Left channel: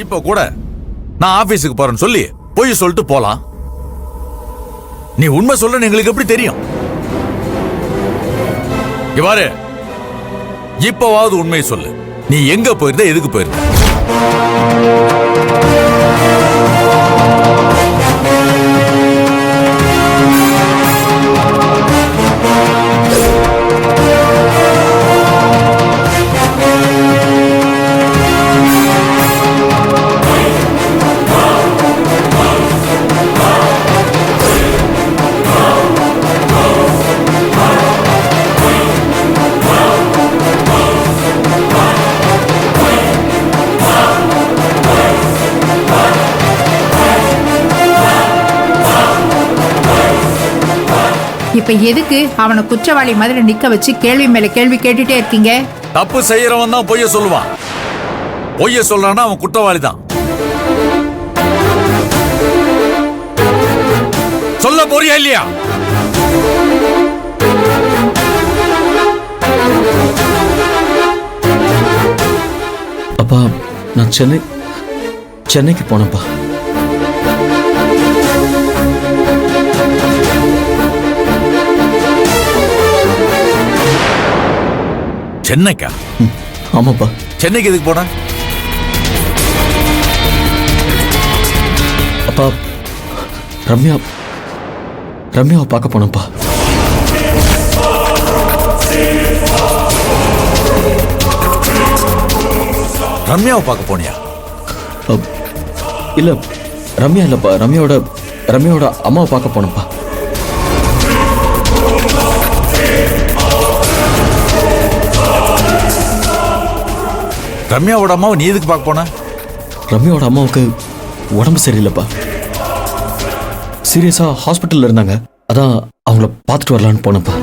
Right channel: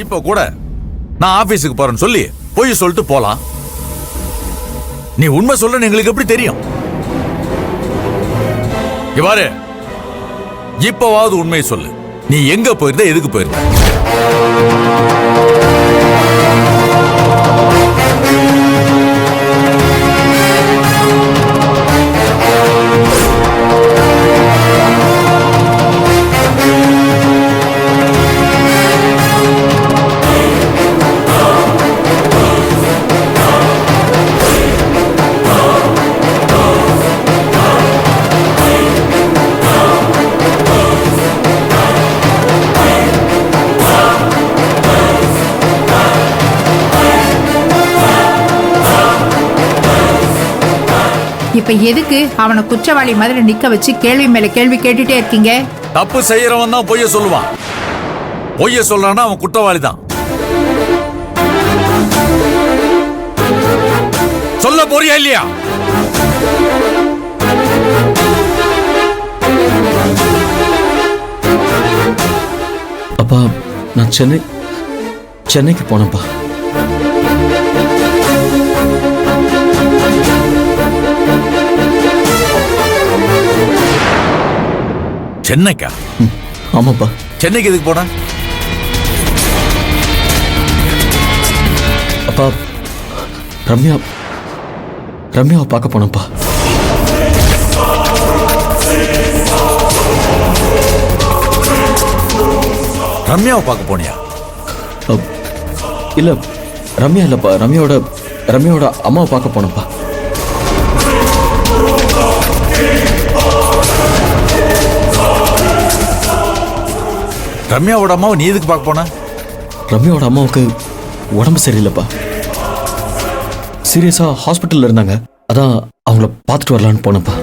இப்போ கூட நான் ஆபீஸுக்கு போறேன்னு சொல்லி போய் சொல்லிட்டு போலாம். நீ உண்மை சொல்ல எங்களுக்கு எப்படி தெரியும்? இவ்வாறு இப்பவாவது உண்மையை சொல்லு. நீ எங்க போயிருந்த, எதுக்கு போயிருந்த? இப்ப எதுக்கு அவனை குற்றவாளி மாதிரி நிக்க வச்சு கேள்வி மேல கேள்வி கேட்டுட்டே இருக்கீங்க? தப்பு செய்யறவன் தான் பொய்ய சொல்லுவான். பொய்ய சொல்றான்னா அவன் குற்றவாளி தான். சொல்ல போறியா இல்லையா? அப்பா, நான் சென்னைக்கு போனப்பா. சென்னைக்கா? ஆமாப்பா. சென்னைக்கு எதுக்கு போன? அப்பா, ரம்யாவை பார்க்க போனப்பா. ரம்யாவை பார்க்க போனியா? இல்ல, ரம்யா இல்லப்பா, ரம்யாவோட அம்மாவை பார்க்க போனப்பா. ரம்யாவோட அம்மாவை நீ எதுக்கு பார்க்க போன? ரம்யாவோட அம்மாவுக்கு உடம்பு சரியில்லைப்பா. சீரியஸா ஹாஸ்பிட்டல்ல இருந்தாங்க. அதான் அவங்கள பார்த்துட்டு வரலான்னு போனப்பா.